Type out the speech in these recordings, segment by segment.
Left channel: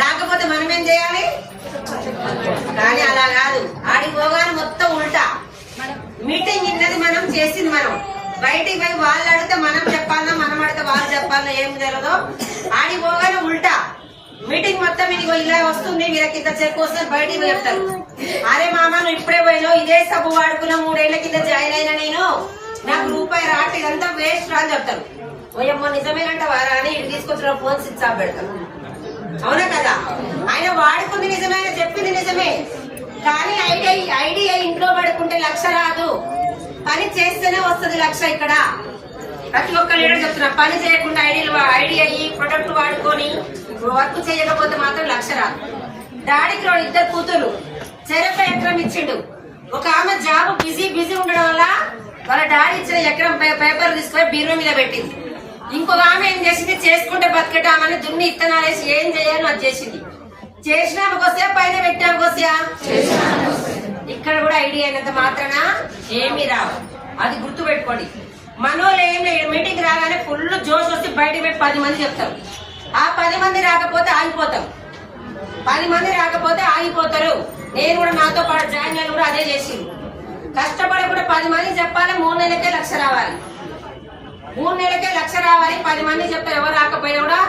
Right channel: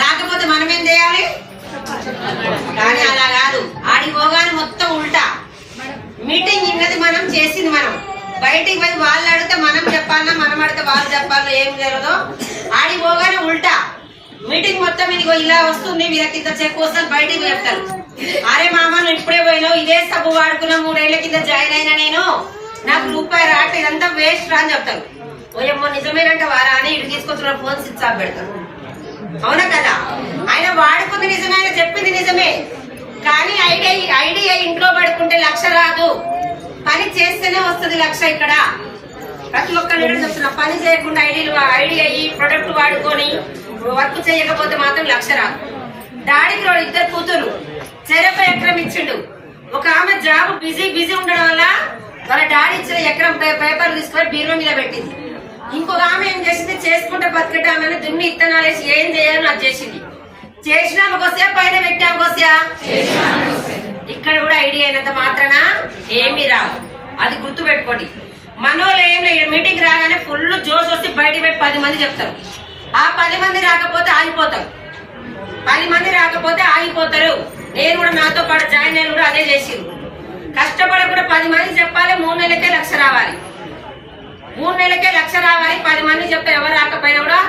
రాకపోతే మనం ఏం చేయాలి? కానీ అలా కాదు. ఆడికి పోగానే మొత్తం ఉల్టా. మీటింగ్ ఇన్నది మనం చేసింది మనం. బయటికి పోయి వాళ్ళు అడిగితే మనం చెప్పాలన్నా మనం అడిగితే వాళ్ళు చెప్పాలన్నా ఏం జరగదో? ఆడికి పోగానే ఉల్టా. మీటింగ్ మొత్తం ఇదిగో ఇలా వస్తుంది వీళ్ళకి ఇంత చెక్ వస్తుంది బయటికి చెప్తారు. అరే మామ నువ్వు ఇప్పుడే పోయినావు ఇదే సబ్బు వాడుకున్నా మూడేళ్ళ కింద జాయిన్ అయినా నేను? నాకు రూపాయి రాట ఇదంతా వేస్ట్ రా అని చెప్తారు. ఓయమ్మో నిజమేనంట వారా అని ఇటు తీసుకొచ్చిన ఫోన్ స్విచ్ ఆఫ్ పెడతారు. అవునా కదా ఆయన వాడుకుంది నిజమే ఆయన చెప్పింది నిజమే. కానీ ఐడియా ఐడియా ఇంట్లో పడుకుంటే లక్ష రాదు. పని చేస్తేనే వస్తుంది లక్ష ఇక్కడ. ప్రతి ఒక్కళ్ళు చెప్తున్నా పని చేయకుండా ఐడియాలు ఐడియా ఈ ప్రొడక్ట్ వాడుకొని వర్క్ చేయకపోతే మాత్రం లక్ష రాదు. డాడీకి రెండు ఇద్దరు కూతురు చెరపై ఎకరం ఇచ్చిండు. ఒక ఆమె జాబ్ బిజీ బిజీ ఉండడం వల్ల వాళ్ళ డాడీ ఇచ్చిన ఎకరం పేపర్ తీసుకొని బీరువా మీద పెట్టింది. ఇంకొక ఆమె ఏం చేసింది? చేసుకుంటే బతకటామని దున్ని ఇత్తనాలు వేసి ఏం చేయాలని అది చేసింది. చేసినామకు వస్తే పైన పెట్టామకు వస్తా ఇక్కడ కూడా ఐడియా అయినంత మాత్రాన ఏమీ రావు. అది గుర్తు పెట్టుకోండి మనోళ్ళు ఏం లేదు మీటింగ్ రాగానే ఫుల్ జోష్ వస్తే బయటకు పెట్టి పది మంది చెప్తారు. ఆ పది మంది రాకపోతే ఆగిపోతాం. పది మంది రాకపోతే ఆగిపోతారు. నేను కూడా నాతో పాటు జాయిన్ అయిన కూడా అదే చేసిరు కష్టపడి కూడా పది మంది చెప్పాలి మూడు నెలలకే లక్ష రావాలి. మూడు నెలలకే లక్ష రావాలి పది మంది చెప్తే ఎవరు రాకపోయినా కూడా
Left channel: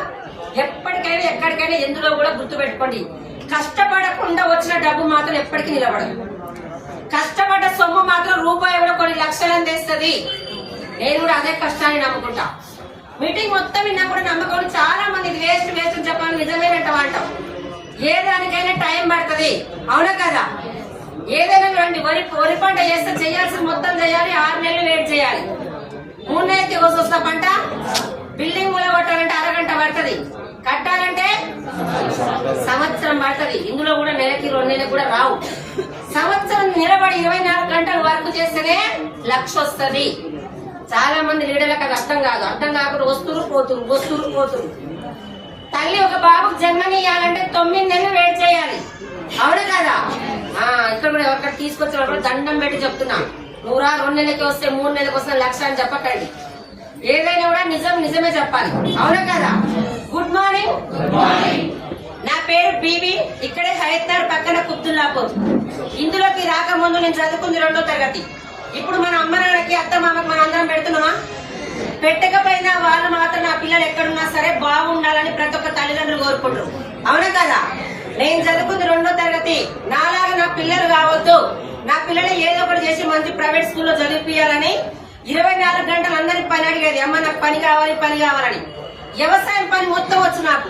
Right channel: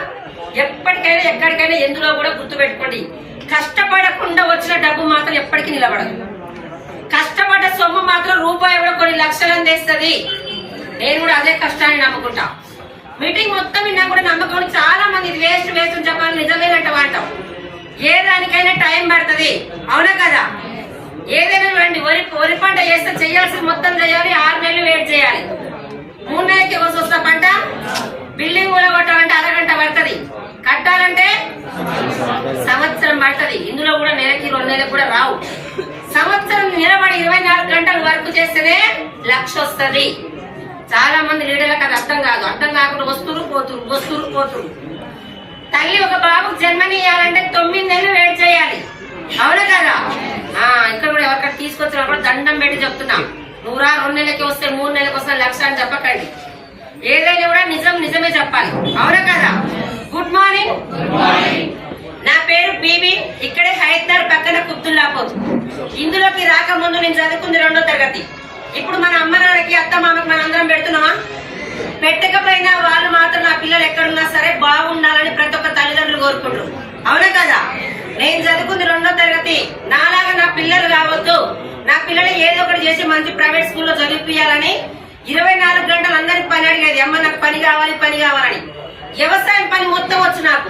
ఎప్పటికైనా ఎక్కడికైనా ఎందులో కూడా గుర్తు పెట్టుకోండి కష్టపడకుండా వచ్చిన డబ్బు మాత్రం ఎప్పటికీ నిలబడదు. కష్టపడ్డ సొమ్ము మాత్రం రూపాయి కూడా కొన్ని లక్షలను తెస్తుంది. నేను కూడా అదే కష్టాన్ని నమ్ముకుంటా. మీటింగ్ మొత్తం విన్నా కూడా నమ్మకం చాలా మంది ఇది వేస్ట్ వేస్ట్ అని చెప్పాలి నిజమేనంట అంటాం ఏ దానికైనా టైం పడుతుంది. అవునా కదా? ఏదైనా రండి వరి వరి పంట చేస్తే చేయాల్సిన మొత్తం చేయాలి ఆరు నెలలు వెయిట్ చేయాలి. మూడు నెలలకి వచ్చి వస్తా పంట బిల్డింగ్ కొట్టాలంటే అరగంట పడుతుంది. కట్టాలంటే సంవత్సరం పడుతుంది. ఇందులో కూడా నెలకి రెండు నెలలకు కూడా రావు. సంవత్సరం నిలబడి ఇరవై నాలుగు గంటలు వర్క్ చేస్తేనే లక్ష వస్తుంది. చాలా మంది లీడర్లకు అది అర్థం కాదు. అర్థం కాకుండా వస్తురు పోతురు వస్తురు పోతురు. తల్లి ఒక బాబుకు జన్మనియాలంటే తొమ్మిది నెలలు వెయిట్ చేయాలి. అవునా కదా? ఇక్కడ కూడా ఎవరికైనా తీసుకొచ్చినప్పుడు దండం పెట్టి చెప్తున్నాం. నూరా రెండు నెలలకి వస్తే మూడు నెలలకు వస్తే లక్ష అని చెప్పకండి. ఏదైనా కూడా నిజం నిజమే చెప్పాలి. అవునా కదా? గుడ్ మార్నింగ్ నా పేరు బీబీ. ఇక్కడే హైదర్ పక్కన కుబ్దుల్లాపూర్ ఇందులోకి రాకముందు నేను చదువుకుంది రెండో తరగతి. ఇప్పుడు మన అమ్మ నాన్నకి అత్త మామకి మన అందరం పెడుతున్నామా? పెట్టకపోయినా వాళ్ళు మాత్రం నా పిల్లలు ఎక్కడున్నా సరే బాగుండాలని ప్రతి ఒక్క తల్లిదండ్రులు కోరుకుంటారు. అవునా కదా? నేను చదువుకుంది రెండో తరగతి. నాలాగా నా పిల్లలు కావద్దు. నా పిల్లలు ఏదో ఒకటి చేసి మంచి ప్రైవేట్ స్కూల్లో చదివిపియాలని ఇరవై నాలుగు గంటలు అందరికి పని అడిగేది. అమ్మ నాకు పని కావాలి పని కావాలని. వ్యవసాయం పని మొత్తం వచ్చు నాకు.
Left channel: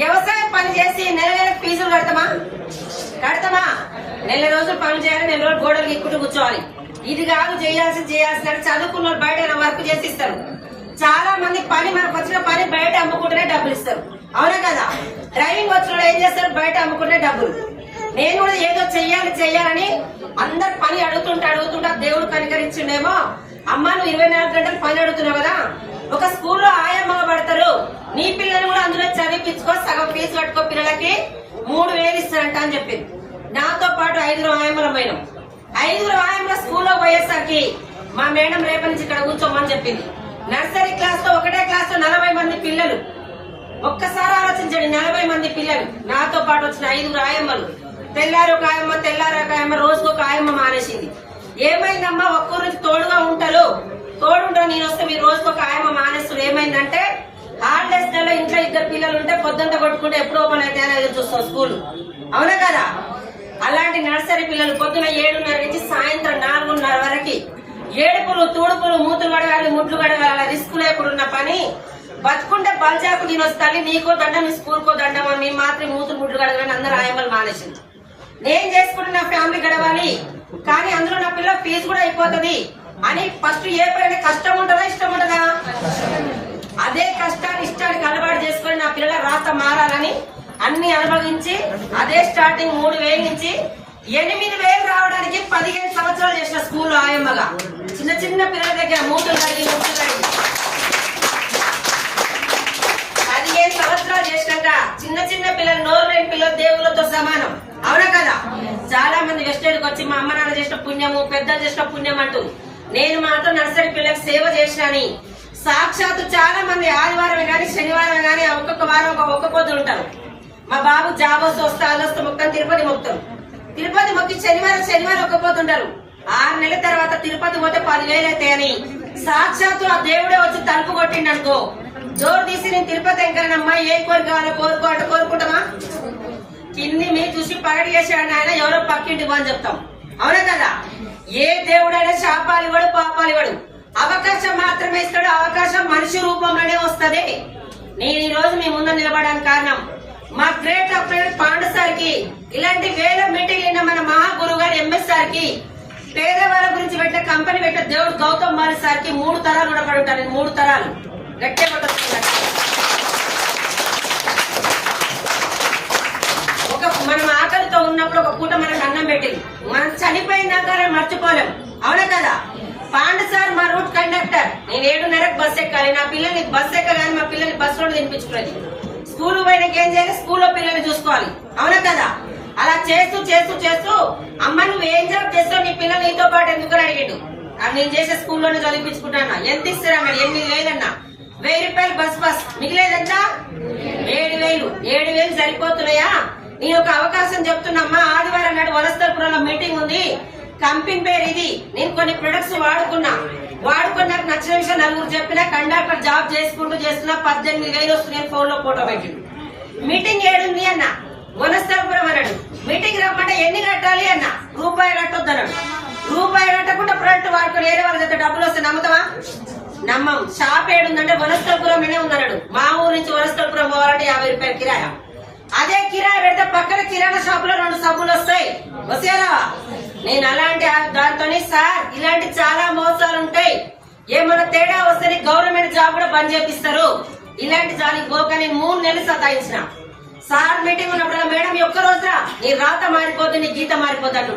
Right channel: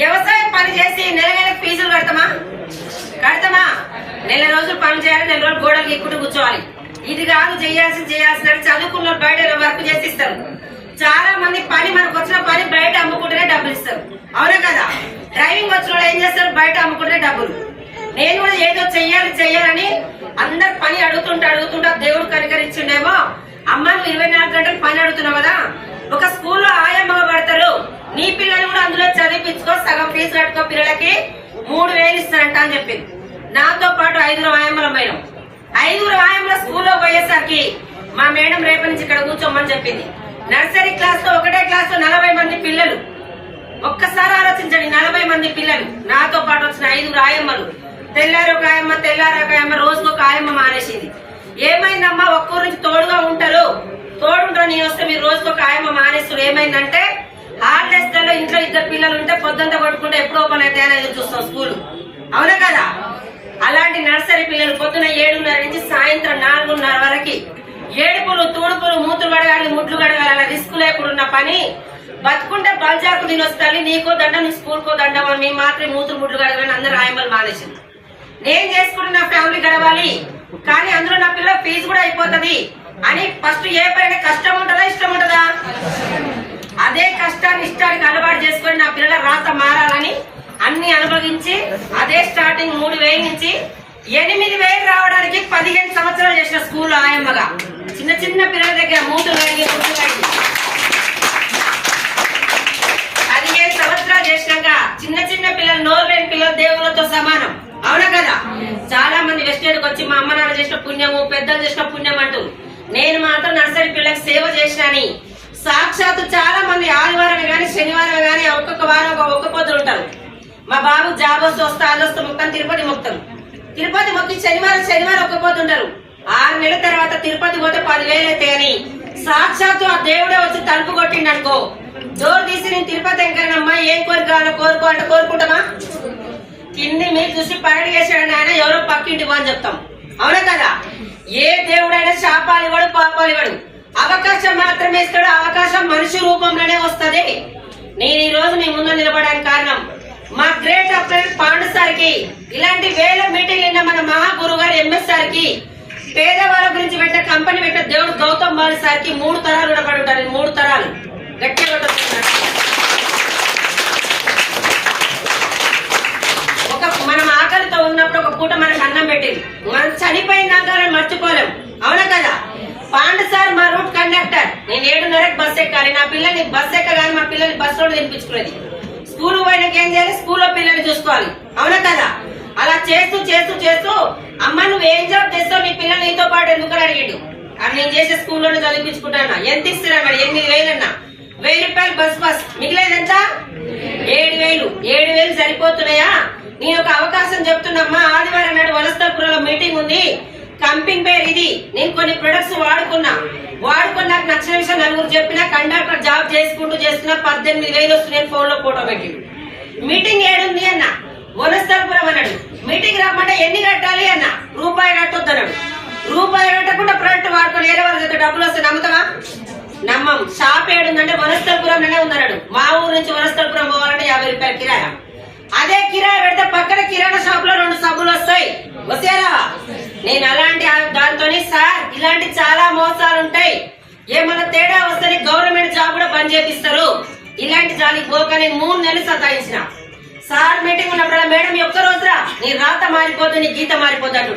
వ్యవసాయం పని చేసి నెల నెల ఫీజులు కడతామా? కడతామా? నెల రోజులు పని చేయాలి నెల రోజులు గోడలు ఎక్కుంటూ కూర్చోవాలి. ఇది కాదు చేయాల్సి చేయాల్సిన చదువుకున్న వాళ్ళు బయట వర్క్ చేసి ఇస్తారు. చాలా మంది పని మనకు వచ్చిన పని బయట అమ్ముకుంటేనే డబ్బులు ఇస్తారు. అవునా కదా? డ్రైవింగ్ వచ్చిన ఏం చేస్తారు? బయట అమ్ముకుంటే డబ్బులు. నేను కూడా ఏదో చెయ్యాలి చెయ్యాలని అందరు పని అడుగుతుంటే అడుగుతుంటే దేవుడు కనికరించిండేమో. అమ్మ నువ్వు ఇరవై నాలుగు గంటలు పని అడుగుతున్నావు కదా? ఒక స్కూల్లో ఆయమ్మ పడతారు. నీ పిల్లలు కూడా అందులో చదివించుకో సగం ఫీజు కట్టుకో పిల్లలకి మూడు వేలు ఇస్తారంట అని చెప్పింది. నాతో పాటు ఐదుగురు ఆయమ్మల పోయినాం ఐదుగురు ఆయమ్మల స్కూల్లో పోయేసరికి మా మేడం రేపటి నుంచి ఇక్కడ కూర్చోమని చెప్పింది. నర్సరీ క్లాస్లో ఒకటే క్లాస్లో నలభై మంది పిల్లలు. ఒక్కసారి ఆలోచించండి నలభై మంది పిల్లలు నాతో పాటు వచ్చిన ఐదుగురు ఆయమ్మలు. తెల్లారు ఒక ఆయమ్మ తెల్లారు ఒక ఆయమ్మ రోజుకు ఒక ఆయమ్మ మానేసింది. ఏమైందమ్మా ఒక్కరి నుంచి తోడుగా ఉంటారు? తోడుంటారు నేను వస్తే మీరు రోజుకు ఒక ఆయమ్మ మానేస్తారు. ఏమైందంటే హాలిడేస్ కల్లా ఇంట్లో ఇద్దరు పిల్లలు ఉంటే పొద్దుంతా కొట్టుకుంటే ఎప్పుడు ఓపెన్ అయితే ఎదురు చూస్తాం స్కూల్. అవునా కదా? అలాంటి నర్సరీ పిల్లలు పొద్దున ఏడున్నర నుంచి సాయంత్రం నాలుగున్నర వరకు ఏడుపులు తూడుపులు మూతులు కడగాలి ముడ్లు కడగాలి అలా రిస్క్ లేకుండా పని బతుకుంటే బంజాకు నేను వస్తాను నీకో దండం నీ స్కూల్కో దండ మేము మాత్రం మూతులు ముట్లు కడగాలని అందరూ ఆయమ్మలు మానేసింది నేను చేసుకుంటే నా ఫ్యామిలీ గడవాలి కానీ అందులో నా పిల్లల ఫీజు కూడా అయిపోతుంది అని ఫస్ట్ ఏ పైన కష్టం ఉంటుందా ఇష్టం ఉంటుందా? అదే కష్టాన్ని ఇష్టానికి అలవాటు చేసుకొని నా పిల్లల రాత మారాలని అన్ని అనుభవించి అదే స్టార్టింగ్ మూడు వేల నుంచి ఎనిమిది వేలు రావడానికి పదిహేను సంవత్సరాలు చేసిన స్కూల్లో ఆయమ్మగా. చిన్న చిన్న పిల్లల దగ్గర మూటలు కడిగి ముట్లు కడిగి పదిహేను సంవత్సరాలు చేసినాక చిన్న చిన్న పిల్లలు నోరు లేని పిల్లలు దేవుళ్ళతో సమానం. అవునా కదా? చాలా మంది వెస్టర్న్కి వచ్చి మా అమ్మ నాన్న చేసిన పుణ్యము పెద్దలు చేసిన పుణ్యం అంటూ. నేను మాత్రం నర్సరీ పిల్లలకు సేవ చేసినని. సాక్షాత్తు చాలా మంది ఆదివారం గాని శనివారం గాని ఒక్కొక్క వారం ఒక ఒక్క పొద్దులు ఉంటారు. మా బాబు జాబ్ వస్తే వస్తే అది తిరుపతి మొత్తం తిరుపతి మొత్తం శనివారం శనివారం ఒక్క పోతుంటారు ఆరు నెలల తర్వాత తిరుపతి పోతే పదివేలు అవుతాయని. సాక్షాత్తు ఆ దేవుడే వచ్చి తలుపు కొట్టిండు జోరు తీసి నేను తిరుపతి ఎంకరనమ్మా ఏం కోరిక కావాలో కోరుకో అంటే కోరుకుంటామా? కింది మీరు చూసి పగడి చేసాడు ఆయన ఎవరో పక్కింటి అని చెప్తాం. అవునా కదా? ఏ దేవుడైనా శాపాలు ఇవ్వడు పాపాలు ఇవ్వడు. అవకాశం మాత్రమే ఇస్తాడు అవకాశం మనిషి రూపంలోనే వస్తుంది. నేను ఈ రోజు మీ ముందు నిలబడడానికి కారణం మా గ్రేట్ అప్లైన్ పాండు సార్కి ఇలాంటి వేల మీటింగ్ అయిన మన మహాగురు గారు ఎంఎస్ సార్కి పేదవాళ్ళ గురించి పెట్టే కంపెనీ పెట్టే దేవుడు గౌతమ్ బాలి సార్కి మూడు తరాలు రుణపడి ఉంటారు మూడు తరాలు. గట్టిగా ఒక మనం ఆకలితో ఉన్నప్పుడు ఒక పూట మనకు అన్నం పెట్టింది. మనం చనిపోయిన దాకా మర్చిపోలేం. అవునా కదా? పాండు సార్ మా రూట్ కండక్టర్. నేను ఏడున్నరకు బస్ ఎక్కాలి. నా పిల్లల్ని బస్ ఎక్కగానే మా పిల్లల్ని బస్ రోడ్ తినిపించుకునేది. స్కూల్ పోయినాక ఏం చేయాలి? స్కూల్లో పిల్లల్ని చూసుకోవాలి. అవునా కదా? అలా చేస్తూ చేస్తూ చేస్తూ అమ్మ నువ్వు ఏం జాబ్ చేస్తావు? నీ పిల్లలు నీతో పాటు ఎందుకు అడిగాడు. నేను చేసే స్కూల్లోనే చదివించుకుంటానా? ఎంత ఇస్తారా మరి? ఎనిమిది వేలన్నా. వెయ్యి రూపాయలు బస్ బస్ మిగిలేదంత? ఏడు వేలు. ఏడు వేలు సరిపోతున్నాయా? నేను ఒక అవకాశం చెప్తున్నమ్మా ఆదివారం నాడు వనస్థలపురంలో మీటింగ్ ఉంది. కంపెనీ పేరు ఇది. నేను కొన్ని ప్రొడక్ట్స్ వాడుకున్నా. వాడుకున్నాక నచ్చిన విషయం నలుగురు చెప్పినా కండక్టర్ జాబ్ చేసుకుంటూ చేస్తున్నా పద్దెనిమిది వేలు వస్తున్నాయి ఫోన్లో ఫోటో పెట్టి మీటింగ్ ఏడుంది అన్న. వనస్థలపురం అన్నాడు. మీటింగ్ రమ్మంటే ఎన్ని కట్టాలి అన్న? రూపాయి కట్టొద్దు అన్నాడు రూపాయి కట్టకుండా ప్రొడక్ట్ వాడుకొని వేరే వాళ్ళ డబ్బులు వస్తే నమ్ముతావా? నమ్మం. షాప్ ఏడుందంటే వనస్థలపురంలోనే ఉన్నాడు మా ఊరు నుంచి వనస్థలపురం పోవాలంటే యాభై రూపాయల కిరాయా. అదే కిరాయి పెడితే పక్కన కిరాణా షాప్లో రెండు సబ్బులు వస్తాయి. వసేలా నేను అలాంటి ఆ- దాంతోనే సార్ ఇలాంటి చాలా మోసాలు ఉంటాయి. ఏమైనా తేడా వస్తే గవర్నమెంట్ జాబ్ కూడా బంద్ చేపిస్తారు. ఇలాంటి జాలికి పోక నేను మూడు నెలలు సతాయించిన. సార్ మీటింగ్ ఉన్నప్పుడు మేడం ఒక్క రోజురా నీ రాత మారిపోతుంది నీ గీత మారిపోతాడు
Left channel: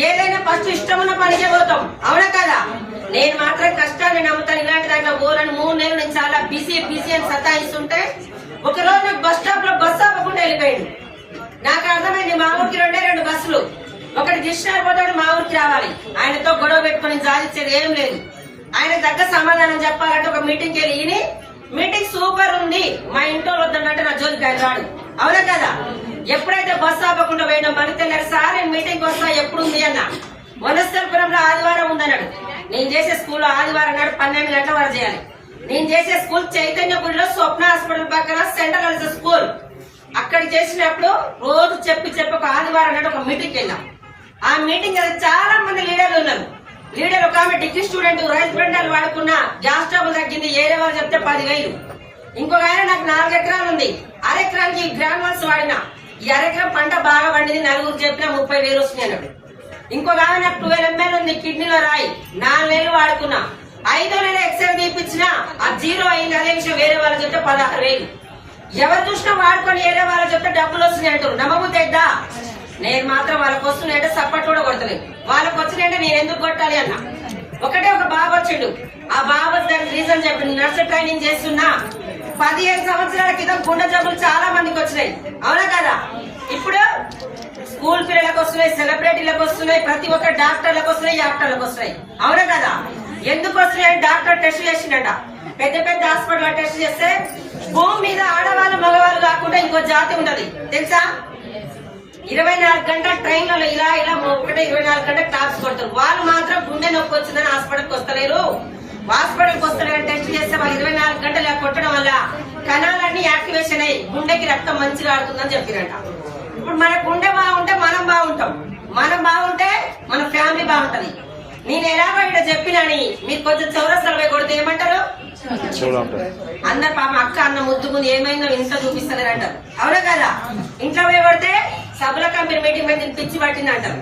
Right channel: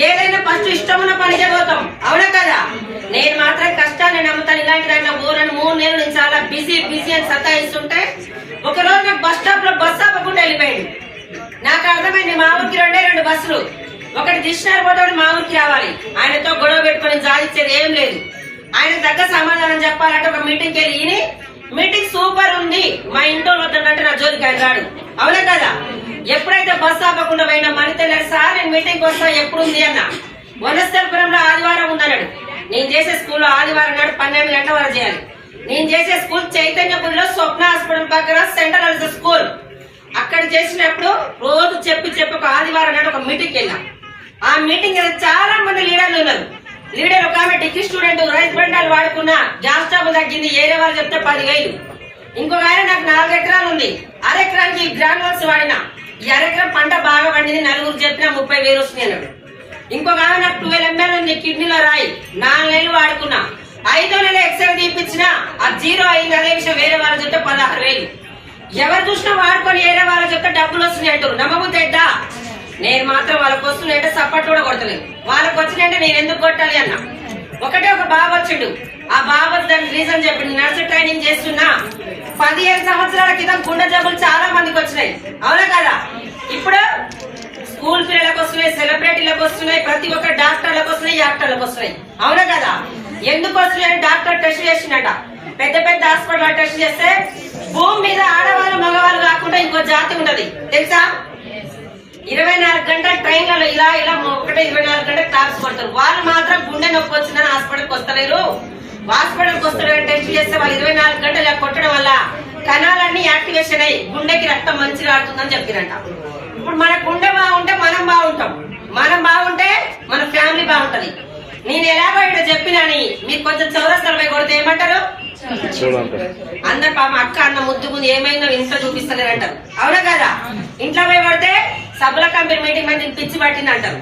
ఏదైనా ఫస్ట్ ఇష్టమున్న పని చేయబోతాం అవునా కదా? నేను మాత్రం కష్టాన్ని నమ్ముతాను. ఇలాంటి దాంట్లో పోరని మూడు నెలలు నేను చాలా బిజీ బిజీ అని సతాయిస్తుంటే ఒక రోజు నాకు బస్ స్టాప్లో బస్ ఆపకుండా వెళ్ళిపోయింది నాకు అర్థమైంది మా ఊరికి రెండే రెండు బస్సులు. ఒకటి దిశనాలు పోతే మా ఊరికి రావాలి. ఆయనతో గొడవ పెట్టుకొని సాధించేది ఏం లేదు. ఆయన తగ్గ సమాధానం చెప్పాలంటే ఒక మీటింగ్కి వెళ్ళి ఈయన మీటింగ్ సూపర్ ఉంది. మా ఇంట్లో వద్దంటే నా జోలికి ఆయన రాడు. అవునా కదా? ఎప్పుడైతే బస్ ఆపకుండా పోయినా మని తెల్లారు సార్ నేను మీటింగ్ వస్తా ఎప్పుడు ఉంది? అన్న. వనస్థలపురంలో ఆదివారం ఉందన్నాడు. నేను చేసే స్కూల్లో ఆదివారం నాడు పన్నెండు గంటల వరకు చేయాలి. నేను చేసే స్కూల్ చైతన్యపురిలో స్వప్న హాస్పిటల్ పక్కన సెంట్రల్ స్కూల్. అక్కడ చేసినప్పుడు రోజు చెప్పి చెప్పి ఒక ఆదివారం నాడు ఒక మీటింగ్కి వెళ్ళాం. ఆ మీటింగ్ చాలా మంది లీడర్లు ఉన్నారు. లీడర్ ఒక ఆమె డిగ్రీ స్టూడెంట్ రైస్ బండాలు వాడుకున్న గ్యాస్ ట్రబుల్ తగ్గింది ఏరే వాళ్ళు చెప్తే పదివేలు ఇంకొక ఆయన నాకు నాలుగు ఎకరాలు ఉంది. అరెకరానికి గ్రానువల్స్ వాడిన. ఈ అరెకరం పంట బాగా పండింది నలుగురు చెప్పిన ముప్పై వేలు వస్తుంది అన్నాడు. ఇంకొక ఆమె నాకు ట్వెల్వ్ ఎంఎల్ ఉంది కిడ్నీలో రాయి. నాలుగు నెలలు వాడుకున్నా. ఐదో నెల ఎక్స్రే తీపించిన ఆ జీరో అయింది. అదే విషయం వేరే వాళ్ళ చెప్తే పదహారు వేలు. ఎవరు చూసినా వాడుకొని వేరే వాళ్ళ చెప్తే డబ్బులు వస్తున్నాయి అంటారు నమ్మబుద్దైద్దా నేను మాత్రం వాళ్ళకి వస్తున్నాయంటే సపోర్ట్ కూడా కొడతలేదు. వాళ్ళకి వచ్చినాయంటే నేను ఎందుకు కొట్టాలి అన్న. ఒకటే ఒక బాబు వచ్చిండు. ఆ బాబు దానికి రీజన్ చెప్పింది నర్స్ ట్రైనింగ్ చేస్తున్నా? పదిహేను సంవత్సరాల క్రితం గుండె జబ్బులు చాలా మందికి వచ్చినాయి. అవునా కదా? ఇప్పుడు స్కూల్ పిల్లలకు వస్తున్నాయి సెలబ్రిటీలకు వస్తున్నాయి ప్రతి ఒక్క డాక్టర్లకు వస్తున్నాయి యాక్టర్లకు వస్తున్నాయి. అవునా కదా? ఎందుకు వస్తున్నాయి? డాక్టర్ టెస్ట్ చేసిండట. పెద్ద పెద్ద హాస్పిటల్ టెస్ట్ చేస్తే భూమి మీద ఆడవాళ్ళు మగవాళ్ళు కాకుండా ఇంకో జాతి ఉన్నది. తెలుసా? ఇరవై నాలుగు గంటల ట్రైన్లలో ఇలా ఇలా ఒకటే ఇరవై నాలుగు గంటల క్లాప్స్ కొడతారు. వాళ్ళు మాత్రం గుండె నొప్పి వచ్చిందని హాస్పిటల్కి వస్తలేరు. హాస్పిటల్కి వస్తలేరు టెస్ట్ చేస్తే వాళ్ళు ఇరవై నాలుగు గంటలు ఇలా కొట్టడం వల్ల కణాలన్నీ యాక్టివేషన్ అయ్యి గుండెకి రక్తం మంచిగా ఆడుతుందని చెప్పిరంట. ఇప్పుడు మన గుండె బాగుంటే మనం బాగుంటాం. మనం బాగుంటే మన ఫ్యామిలీ బాగుంటది. నేను ఎలాగో ఇక్కడ చెప్పినని మీరు కొంచెం చౌరస్తాలు పోయి కొడితే ఏమంటారు? అందరు పాప అక్క అన్న ముద్దు ముందు ఏమైందో ఇంట్లో చూపిస్తలేరు అంటారు అవునా కదా? ఇంట్లో పోయి పడితే సభల కంపెనీ మీటింగ్ మీద నేను పిచ్చి పట్టింది అంటారు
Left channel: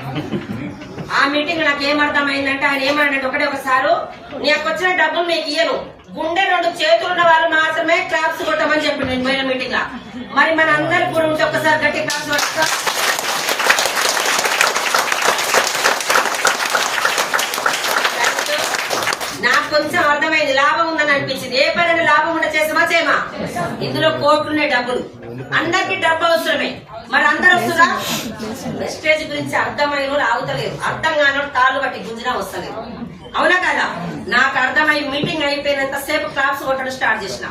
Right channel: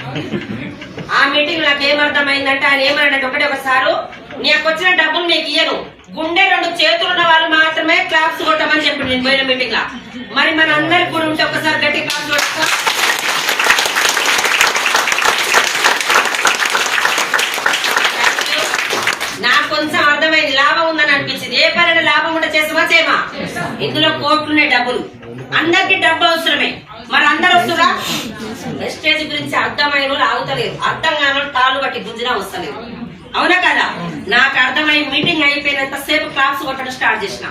ఆ మీటింగ్ నాకు ఏం అర్థమైందంటే ఆయన ఏమన్నాడు ఒకటే ఒకసారు నీకు వచ్చిన డబ్బులు నీకు ఇయ్యను. గుండె రెండు చేతులు ఉన్న వాళ్ళు మాత్రమే క్లాప్స్ కొట్టమని చెప్పి నేను పోయిన మీటింగ్ లా. మరి మన అందరికి కూడా ఉంటే ఒకసారి గట్టి కొట్టా నాకు కొంచెం అర్థమైంది లాభం ఉందని అనిపించింది. ఏ పని లాభం ఉంటే చేసామా చేయమా? ఇందులో కోట్లున్నాయి డబ్బులు. అందరికి డబ్బు అవసరమే. మరి అందరు వస్తురా వెస్టేజ్ గురించి అర్థమైన ఆగుతలేరు. అర్థం కాని తాళ్ళు బట్టి గుంజినా వస్తలేరు. అవునా కదా? నాకు అర్థమై మీటింగ్ అయిపోయినంత సేపు క్లాస్ కొట్టడం స్టార్ట్ చేసిన.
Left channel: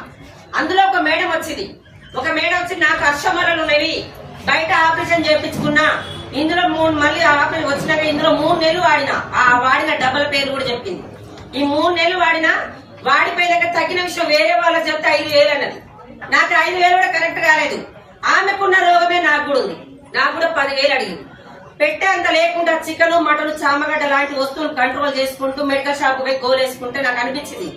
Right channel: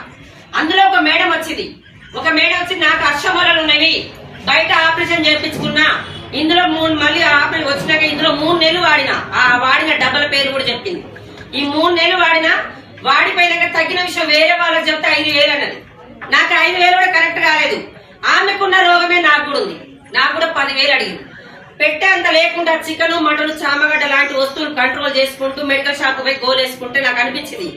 అందులో ఒక మేడం వచ్చింది. ఒక మేడం వచ్చి నాకు అర్షమరలు ఉన్నవి బయట ఆపరేషన్ చేయించుకున్నా. ఇందులో మూడు మళ్ళీ ఆపరేషన్ వచ్చినాక ఇందులో మూడు నెలలు వాడిన. ఆ వాడిన డబ్బల పేరు కూడా చెప్పింది. ఈ మూడు నెలలు వాడిన వాడిపోయినాక తగ్గిన విషయం వేరే వాళ్ళకి చెప్తే ఐదు వేలు అన్నది. నాకు ఐదు వేలు కూడా కరెక్ట్ కాలేదు. ఆమెకున్న రోగమే నాకు కూడా ఉంది. నాకు కూడా పదివేలు అడిగింది. పెట్టే అంత లేకుండా చికెన్ మటన్ చామగడ్డ లాంటి వస్తువులు కంట్రోల్ చేసుకుంటూ మెడికల్ షాప్ పోయి గోలేసుకుంటే నాకు అనిపించింది.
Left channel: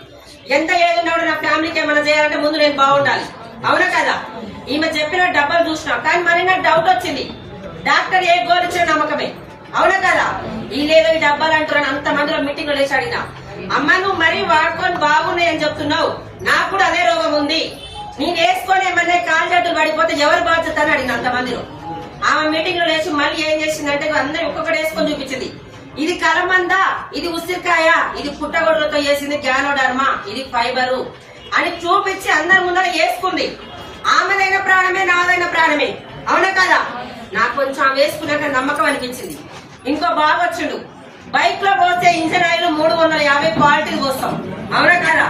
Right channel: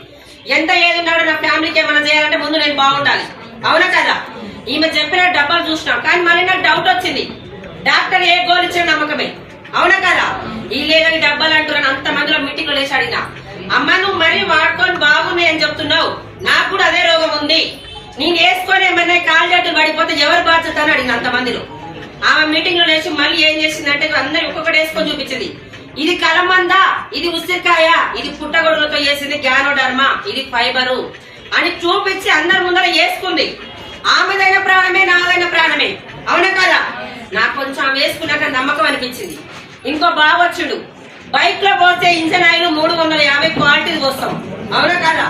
ఎంత ఏది ఉన్నా కూడా నా ఫ్యామిలీకి ఏమైనా చేయాలంటే ముందు నేను బాగుండాలి. అవునా కదా? ఈమె చెప్పిన డబ్బులు చూసినా కానీ మరి నాకు డౌట్ వచ్చింది. డాక్టర్ ఏ గోల్ ఇచ్చిన నమ్మకమే. అవునా కదా? ఈ లేదా ఈ డబ్బాలు అంటారు అంత మందిలో మీటింగ్ వేసి లేచి అడిగినా. అమ్మ నువ్వు మరీ వాడుకొని బాగున్నాయి అని చెప్తున్నావు. నాకు కూడా అదే రోగం ఉంది. నేను వేసుకొని ఏమన్నా కాలు చేతులు పడిపోతే ఎవరు బాధ్యత అని అడిగిన అంత మందిలో. ఆమె మీటింగ్లో లేచి మళ్ళీ ఏం చేసిందంటే అందరు ఒక్కొక్కటి వేసుకొని చూపించింది. ఇది కలమంద? ఇది ఉసిరికాయ? ఇది పుట్టగొడులతో చేసింది జ్ఞానోడర్మ ఇది ఫైబరు. అని చూపించి అందరి ముందర వేసుకుంది. ఆమెదైన ప్రాణమే నాదైన ప్రాణమే. అవునా కదా? నాకు కొంచెం ఆమె వేసుకున్నాక నమ్మకం అనిపించింది. ఇంకో బాగా వచ్చుడు. బైక్లో పోస్తే ఇంజన్ ఆయిల్ మూడు వందల యాభై క్వాలిటీ పోస్తాం. అవునా కదా?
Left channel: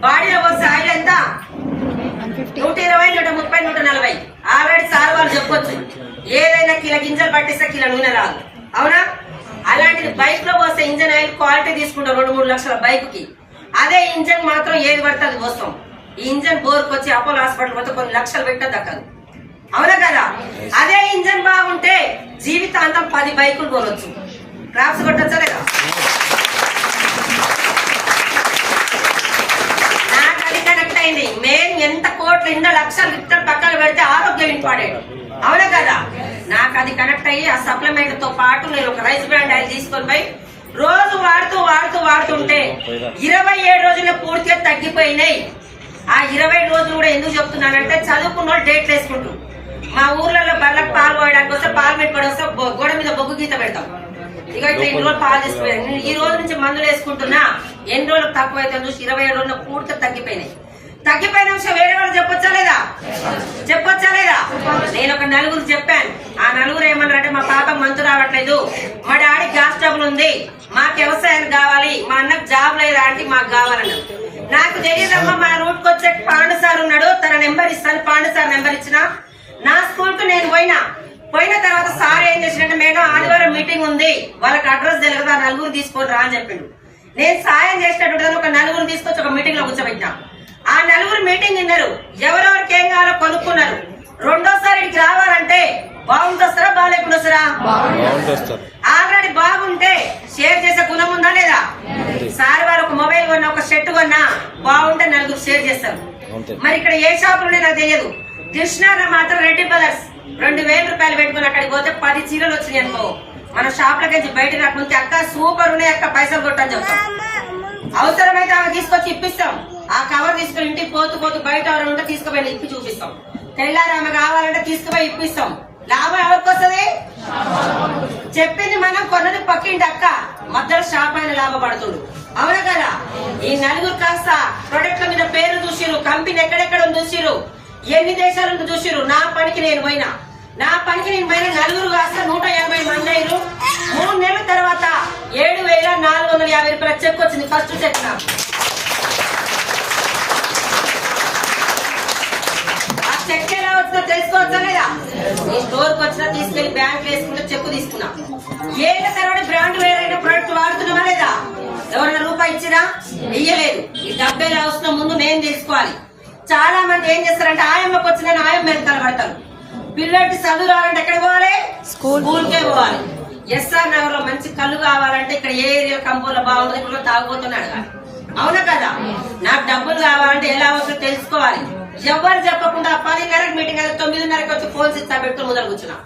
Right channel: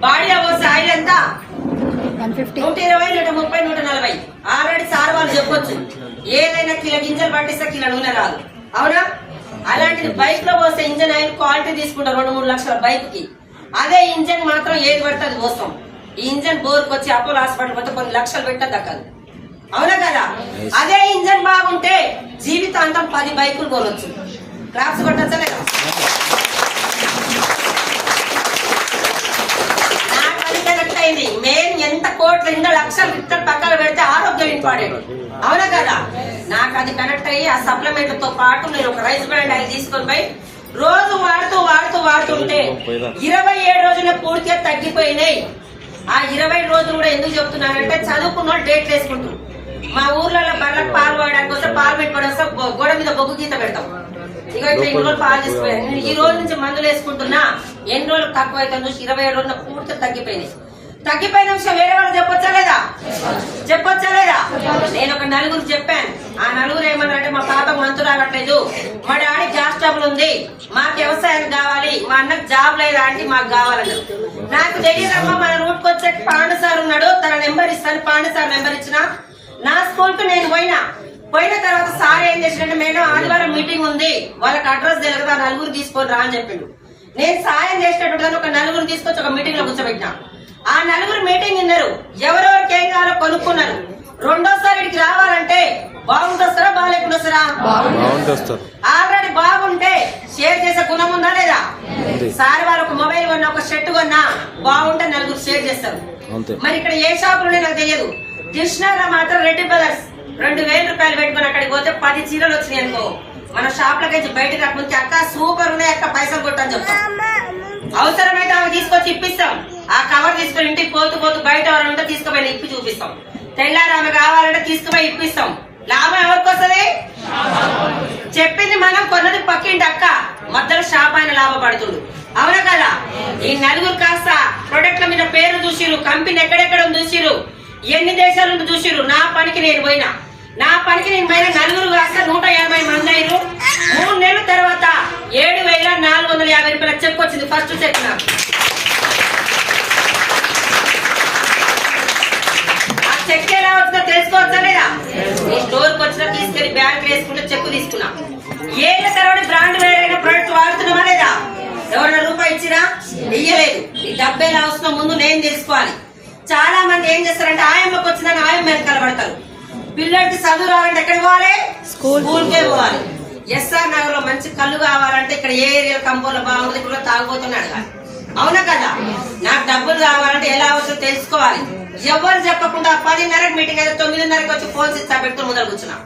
బాడీలో పోస్తే ఆయిల్ ఎంత? నూట ఇరవై నూట ముప్పై నూట నలభై. ఆల్రెడీ సార్ వాళ్ళు చెప్పొచ్చు. ఏదైనా కిలో గింజలు పట్టిస్తే కిలో నూనె రాదు. అవునా? అలాంటిది బైక్లో పోస్తే ఇంజన్ ఆయిల్ క్వాలిటీ తీసుకుంటాం రెండు మూడు లక్షల బైక్కి అదే ఇంజన్ మాత్రం ఏది పడితే అది పోస్తాం ఈ ఇంజన్ బోర్కి వచ్చి అపోలో హాస్పిటల్ పోతే కొన్ని లక్షలు పెట్టే దక్కదు. అవునా కదా? అదే ఇంజన్ బాగుంటే జీవితాంతం పది బైకులు కొనొచ్చు. క్రాప్స్ కొట్టచ్చా లేదా? నాకు అది కనెక్ట్ అయింది. మెయిన్ ఎంత కోట్లు ఎన్ని లక్షలు ఇక్కడ పక్కన పెడితే ఆరోగ్యం ఇంపార్టెంట్. అవునా కదా? నాకు అది కనెక్ట్ అయ్యి ఆ సప్లిమెంట్తో పాటు నేను ఒక రైస్ బ్రాండ్ ఆయిల్ తీసుకొని పోయి రోజు వాడుతూ వాడుతూ వాడుతుంటే ఇరవై ఏడు రోజుల పూర్తిగా తగ్గిపోయినాయి. ఆ ఇరవై రోజులు కూడా ఎందుకు చెప్తున్నానంటే చదువుకున్న వాళ్ళు డేట్లు వేసుకుంటారు మా ఊర్లలో బర్లకు పాలు వాడడానికి వస్తే పాలు పెట్టుకోవడం వస్తే గోడ మీద బొగ్గు గీత పెడతాం. ఇక ఇన్ని రోజులు పాలు తీసుకుపోయాను నేను ఈ రోజు నుంచి మందులు వేసుకుంటున్నా. ఎన్ని రోజులకు తక్కువ అయితే చూసి ఇరవై ఏడు రోజులు పూర్తి తగ్గిపోయినాయి. తగ్గిపోయిన విషయం వేరే వాళ్ళు చెప్పొచ్చా లేదా? చెప్పొచ్చా లేదా? నేను ఒక నలుగురు చెప్పాను. ఆ నలుగురు ఏమన్నారంటే మా పాపకు మంతు రావట్లేదు. మా డాడీ గ్యాస్ ఉంది మాకు వ్యవసాయం కావాలి మా అన్నకు జాబ్ లేదా అంటే మాకు కావాలన్నారు. నాకు తెలియదమ్మా మన రూట్ వచ్చే పాండు సార్ ఉన్నాడు తన నెంబర్ ఇస్తాను పాండు సార్ నెంబర్ ఇచ్చిన. నా స్కూల్కు నేను పోయినా. పోయిన తర్వాత సార్ ఏం చేసినట్టు మేడం ఆదివారం మీటింగ్ ఉంది వాళ్ళకి అడ్రస్ తెలియదు ఆ నలుగురు తీసుకొని రా అని చెప్పిండు. నేను సాయం చేసినట్టు ఒక నలుగురు తీసుకొచ్చి ఒక మీటింగ్లో కూర్చోబెట్టినా. ఆ నలుగురు మీటింగ్ విన్నారు. ఎవరెవరికి ఏం కావాలో కొనుక్కున్నారు. రెండోసారి ఇక్కడికి రావాలంటే బాగుంటొస్తారా బాగాలేకుండా వస్తారా? ఆల్రెడీ బాగుంటే షేర్ చేసే గుణం ఉందా లేదా? సార్ వారు ఒక మొబైల్ కొన్నా ఒక షర్ట్ కొన్నా బాగుంటే నలుగురు షేర్ చేస్తారు. మరి ఇక్కడ ఏ షాపులు ఉన్నాయో నాకు తెలియదు. కృష్ణాలో మాత్రం రెడ్డి బ్రదర్స్ రెండు వేల రూపాయలు పెట్టుకుని అక్కడికి పోతే పది చీరలు వచ్చినాయి అనుకో. మన షాప్ లకి బయట రాకముందు అక్క సూపర్ ఉన్నాయి అక్క పైసలు కొట్టని చెప్తాం. అవసరమైతే ఆమె తీసుకొచ్చి ఇప్పిస్తాం. ఆ కవర్ తీసుకొని ఇంటికి పోతూ పోతూ బయట ఎవరైనా ఉంటే తీసుకుపోయి ఇప్పి చూపిస్తాం. తెల్లారి ఆమె కావాలంటే తీసుకుపోయి ఇప్పిస్తాం. లాభం ఎవరికి వస్తుంది? చెప్పింది మనం కొన్నది పక్కింటి అక్క. మధ్యలో షాప్ అయిన లాభపడుతుంది. అవునా కదా? ఈ నలుగురు కాస్త ప్రొడక్ట్ల మీద పేరు చూసిరు కంపెనీ ఎక్కడెక్కడ చూసిరు ఎన్ని దేశాలు చూసిరు నా పనికి నేను పోయినా. నా పనికి నేను పోయిన నలుగురు కాస్త నూట యాభై మంది అయ్యారు మూడు నెలల తర్వాత ఏడు వేల నాలుగు వందల యాభై రూపాయల చెక్ వచ్చింది ఫస్ట్ చెక్ నాకు. చెక్ ఎలా వచ్చిందో తెలుసుకోవచ్చా లేదా? నీ స్టోర్కి వచ్చినా తీసుకెళ్ళి బ్యాంక్ వేసుకుంటే చెక్ తీసుకున్నా. ఏళ్ళ తర్వాత బ్రాండ్ వేరైన ప్రొడక్ట్ వాడుతున్నామా లేదా? ఎవరైనా రూపాయి ఇచ్చిరా ఇయ్యలేదు. ఈ డబ్బు ఎలా వస్తుందో ముందు నేను తెలుసుకోవాలి. చాలా మంది ఏం చేస్తారంటే ఆయమ్మకి వచ్చిందని ఆయమ్మ వెనకాల పడతారు. పిల్లలకి చదువు రావాలంటే ఎక్కడ పోవాలి? స్కూల్. స్కూల్కే పోవాలి. ఎస్ఆర్ నగర్లో మంచి కళ్ళు కావాలంటే ఇక్కడ ఏ ఏరియా కంపోలో బాగుంటుంది ఇక్కడ తాగుపోతున్నాడు అడగాలి. అవునా కదా? నాకు డబ్బులు కావాలంటే ఎలా వస్తుందో తెలుసుకోవాలి. ఎవరు చెప్పకుండా పదిన్నరకు మీటింగ్ అయితే తొమ్మిదిన్నరకు వచ్చి ఫోన్స్ ఇస్తా పెట్టుకుని ముందర కూర్చున్నా.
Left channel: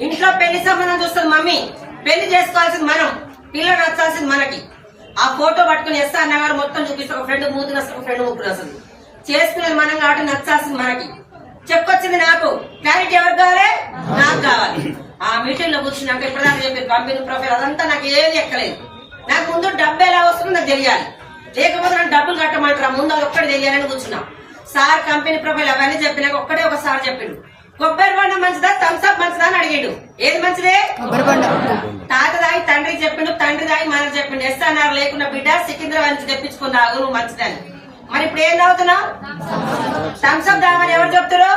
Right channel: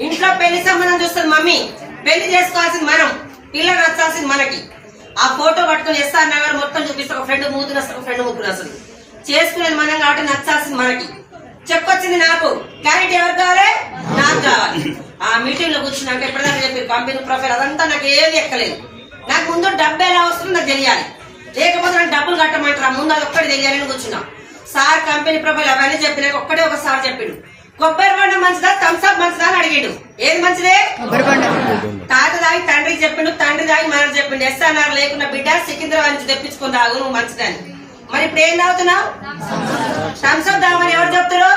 ఇంట్లో పెళ్ళి సంబంధం చూస్తుంది మమ్మీ. పెళ్ళి చేసుకోవాల్సింది మనం. పిల్లలు నచ్చాల్సింది మనకి. ఆ ఫోటో పట్టుకుని ఎస్ఆర్ నగర్ మొత్తం చూపిస్తే ఒక ఫ్రెండ్ మూతులు వస్తుంది ఒక ఫ్రెండ్ ముగ్గురు వస్తుంది చేసుకునేది మనం కాబట్టి నచ్చాల్సింది మనకి. చెప్పొచ్చింది నాకు. క్లారిటీ ఎవరు కావాలి? నాకు కావాలి. ఆ మీటింగ్లో కూర్చున్నాక ఎప్పుడైనా చెప్పి కంపెనీ ప్రొఫైల్ అదంతా నాకు ఏది ఎక్కలేదు. నాకు ముందు డబ్బు ఎలా వస్తుందో నాకు తెలియాలి. లేకపోతే నాకు డబ్బులు కట్టమంటారా ముందు అది ఒక్కటి తెలియాలని కూర్చున్నాం. సార్ కంపెనీ ప్రొఫైల్ అవన్నీ చెప్పినాక ఒక్కడే ఒక సార్ చెప్పిండు. కొబ్బరి బండ మంచిదా? థమ్స్అప్ మంచిదా అని అడిగాడు. ఏది మంచిదే? కొబ్బరి బండ. తాత దాగి తండ్రికి చెప్పిండు తండ్రి దాగి మనకు చెప్పిండు. ఎస్ఆర్ఆర్ లేకున్న బిడ్డ సికింద్రాబాద్ నుంచి తెప్పించుకుని తాగు నువ్వు మంచిదని. మరి ఇప్పుడు ఏం తాగుతున్నావు? థమ్స్అప్ తాగమని ఎవరు చెప్తారు?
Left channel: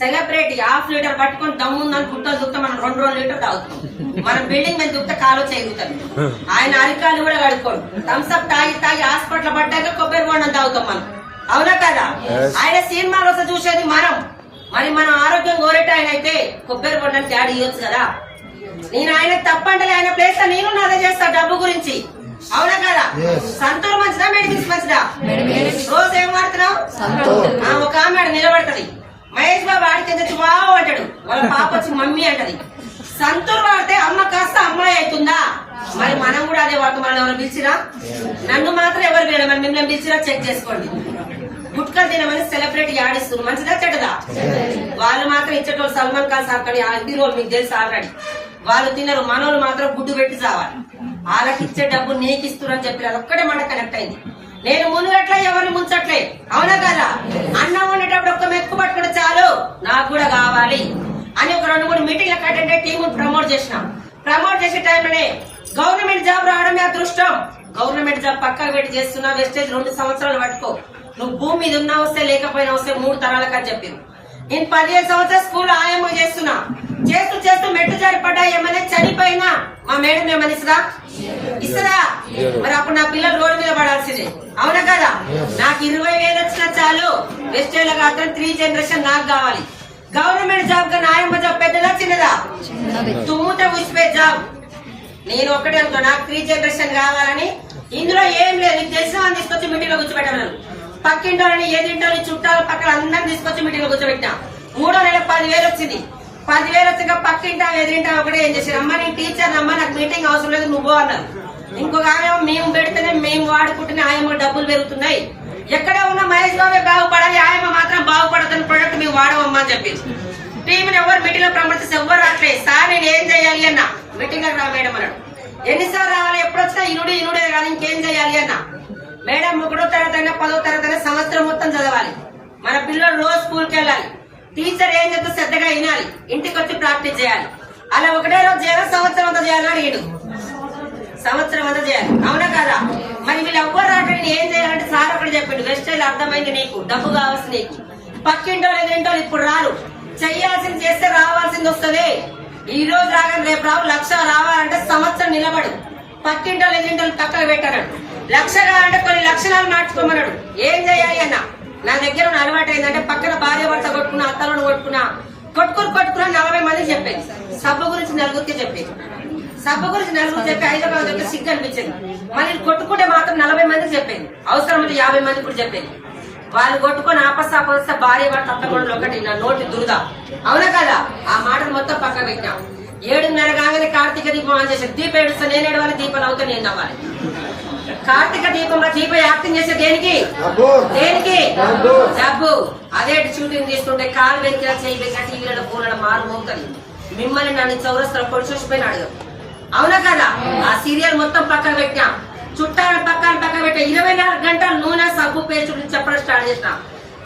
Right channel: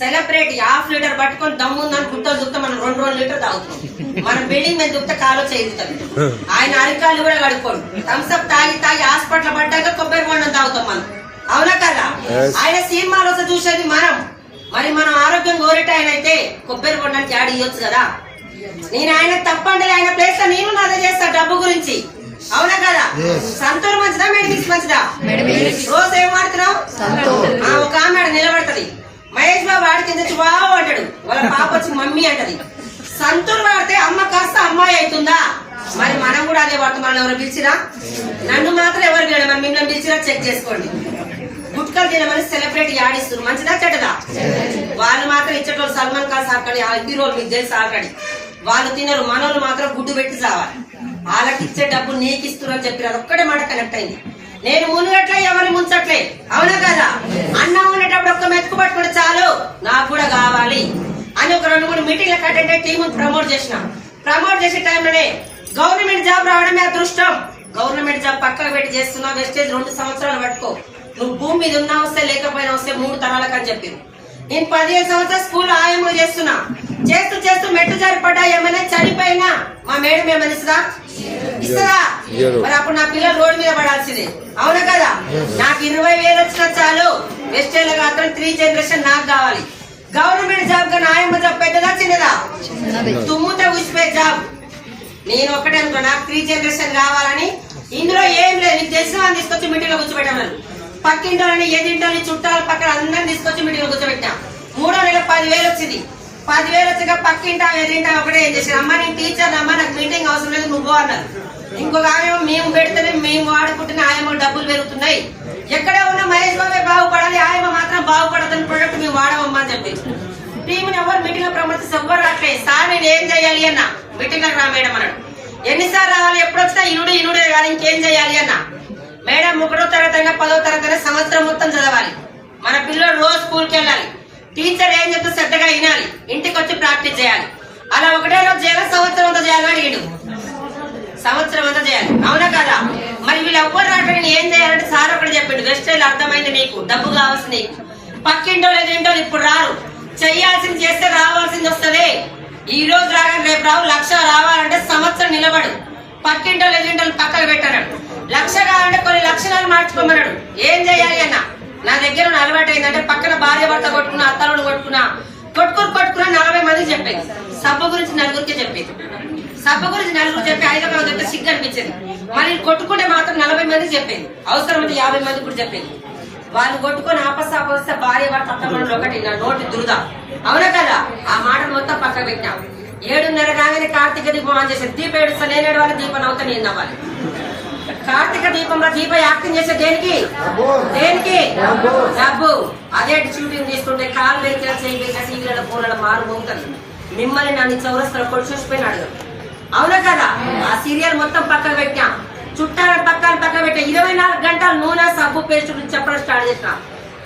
సెలబ్రిటీ హాఫ్ లీటర్ పట్టుకొని దమ్ముందని గుట్టలు దుక్త మనం రెండు రెండు లీటర్ తాగుతాం. మనం బిల్డింగ్ మీద దుక్త కాలు చేయించుతుంది ఆయన అరికాలు కూడా కడుక్కోడు. థమ్స్అప్ తాగి తాగి హాస్పిటల్ పడ్డాక కొబ్బరి బొండం తాగుతాం మనం. అవునా కదా? ఆయన సినిమాలు చూసేది మనం. మరి మనం ఆరోగ్యం కోరేట ఆయన అయితే కొబ్బరి బొండానికి యాడ్ ఇవ్వచ్చు కదా? నేను ఆయన తప్పంటే ఆయన ప్లేస్లో నేను నాదే చేస్తా డబ్బు గురించి. అవునా కదా? సంతూర్ మంచిదా మెడిమిక్స్ మంచిదా. రోజు ఏం వాడుతున్నావు. ఆ, ఒక ఆమె ఆడ నిలబెడతది. మహేష్ బాబు ఆడికి ఎందుకు బావు అంటాడు. వాళ్ళ పాప వచ్చి మమ్మీ అంటది. సంతూర్ వాడితే అమ్మ కాస్త అమ్మాయి అవుతుందా? మరి మనం కూడా అదే వాడతాం మనం ఎవరు పిలిచిరా? నన్ను మాత్రం ఎవరు పిలడు మరి మిమ్మల్ని పిలిచిరా? చెక్ చేసుకోండి. గుట్కలు తినమని సెలబ్రేట్ యాడిస్తున్నారు మంచిదా చెడ్డదా? వాళ్ళు మాత్రం ఇచ్చేటోళ్ళు సల్మాన్ ఖాన్ సార్ కానీ ఆ హీరోలు మీకు తెలుసు ఆల్రెడీ. వాళ్ళు తినరు. మనోళ్ళు మాత్రం గుడ్డు పెట్టి చావాలి. వాళ్ళకి ఇచ్చే డబ్బు నీకు ఇస్తున్నారు చెప్పి అదొక్కడే మాట కనెక్ట్ అయింది. నేను మునుగట్లే ఎవరిని ముంచట్లే. అవునా కదా? అన్నం ఉండేటప్పుడు ఒక్క మెతుకు పట్టుకుంటే చాలు. నాకు కూడా కావాలి. అని ఒక రెండు మూడు మీటింగ్లకు అటెండ్ అయ్యి ప్రమోట్ చేసిన. ప్రమోట్ చేసే టైంలోనే గవర్నమెంట్ జాబ్ రావడమే అదృష్టం. గవర్నమెంట్ జాబ్ పక్కకు పెట్టి చేస్తున్నా వెస్టేజ్ రెండు సంవత్సరాలు పట్టుకో. నువ్వు భూమి మీద ఉన్నా వస్తే లేకపోయినా వస్తే మూడు తరాలకు అని చెప్పింది నేను పదిహేను సంవత్సరాలు స్కూల్ ఆయాములు చేస్తున్నా. చేస్తూ చేస్తూ మెట్టు జారి పడ్డా ఏమైనా చనిపోయినా? మా మేడం ఏమైనా ఇస్తుందా ఇస్తుందా మరి అప్పుడు నా పిల్లలు రోడ్డు మీద పడాల్సిందే. అవునా కదా? నాకు ఇరవై వేలు వచ్చినా చాలు. వెస్టేజ్ మాత్రం త్రీ జనరేషన్ నాకు కావాలి. గవర్నమెంట్ జాబ్గా నాయమ్మ జాబ్ పెద్దదా చిన్నదా? తుమ్ముతే ఉసిపోయే జాబ్ నేను ఒకటే అనుకో నాకు త్రీ జనరేషన్ కావాలని. ఇందులో ఏం లేదు. నీకు తెలిసిన వాళ్ళని తీసుకొచ్చి మీటింగ్లో కూర్చోబెట్టాను పక్కింటోళ్ళని ఎదింటోని చుట్టాల పక్కన అందరిని తీసుకొచ్చి మీటింగ్లో కూర్చోబెట్టా మూడో నెల పదివేలు వచ్చింది. పదివేలు వచ్చాక పక్కింటా ఎదింటా ఒకటే ఏం చేశారు? అమ్మ నేను టీచర్ అమ్మ నాకు మీటింగ్ అవసరం లేదు నువ్వు అన్నారు. ఇంకొక ఆమె మేము పెడితేనే మేము వాడుకుంటేనే ఆయమ్మ డబ్బులు పెరుగుతున్నాయి. ఎక్కడ ఉన్న మహేష్ బాబే బాగుపడాలి ఆయమ్మ మాత్రం బాగుపడదని ప్రొడక్ట్ మేము వాడమమ్మా అని చెప్పింది టీంని ఎవరు మీటింగ్లో ప్రమోట్ ఎవ్వరు రావట్లేదు సార్ నేను ఏం చేయాలి అన్న? మీటింగ్ రా మేడం అన్నాడు. ఎన్నిసార్లు రావాలి ఎప్పుడు వచ్చినా ఇనుడు ఇనుడే కానీ ఇంకేం చేయాలి అన్న? మేడం ఒకటో తరగతి అయినా పదో తరగతి అయినా సంవత్సరం మొత్తం చదవాలి. మన పిల్లలు రోజు స్కూల్కి వెళ్ళాలి. టీచర్ ఏం చెప్తే శ్రద్ధగా వినాలి. ఇంటికి వచ్చి ప్రాక్టీస్ చేయాలి. అలా ఒకటే రోజు చేయాలి? సంవత్సరం అంతా చేయాలని అడిగాడు సంవత్సరం అంతా చేయాలి. అవునా కదా? మరి వీళ్ళు ఎవ్వరు రావట్లేదు ఏం చేయాలంటే సార్ ఒకటి చెప్పిండు. వెస్టైల్ అర్థమైంది నీకు. డబ్బు కావాల్సి నీకు. పక్కింటో లేదేంటో ఇప్పుడు రారు. చెయ్యాల్సింది చేస్తే రావాల్సింది వస్తుంది. ఈ రోజు రాగానే రేపు రావు. లక్ష రావాలంటే సంవత్సరం నిలబడు. పక్కింటో లేదేంటో పక్కకు పెట్టాడు లక్ష కావాలంటే కొన్ని లక్షణాలు మార్చుకోమన్నాడు. ఏం చేయాలి అన్న? నా దగ్గర ఉన్న అలవాటు ఏంటంటే పక్కన భార్య భర్త కొట్టుకున్నా అత్తలను కొట్టుకున్నా కొట్టుకుని కొట్టుకున్నా నలభై మందికి చెప్పేది. సబ్బు గురించి నలుగురికి చెప్పేది. సభ గురించి నలుగురు చెప్పి హైదరాబాద్ చెప్తే సిగ్గు అనిపించింది. మరి కొట్టుకుంటే మాత్రం నలభై మంది చెప్పేది. అవసరమైతే యాభై మంది కూడా చెప్పేది. వాళ్ళు కొట్టుకొని ఆపస్తాపం వస్తే భార్య భర్త అత్తమండలు ఒకటి నా నోటి దురద. అవునా కదా? ఆ మాటలు మొత్తం పక్కన పెట్టాం ఏడున్నర కాగానే కార్తీక దీపం ఆన్ చేసి దీపం ఏడుస్తా నేను ఏడవాలి దీపం అవుతా నేను నవ్వాలి. కార్తీక దీపంలో దీప యాక్టింగ్ చేసే దేనికి? దేనికి? డబ్బు. అదే షూటింగ్ చేస్తుంటే కాలు వెరికినా చేయి వెరికినా టీవీలలో ఫోన్లలో మారు మోగుతుంది. మిమ్మల్ని నన్ను చౌరస్తలో కొట్టి చూసిపోయిన అడగదు. అవునా కదా? ఆ సీరియల్ మొత్తం పక్కన పెట్టాం చుట్టాల పక్కన పక్కన పెట్టా ఇరవై నాలుగు గంటలు నూనె సబ్బు పేస్ట్ చెప్పడం స్టార్ట్ చేసినాం.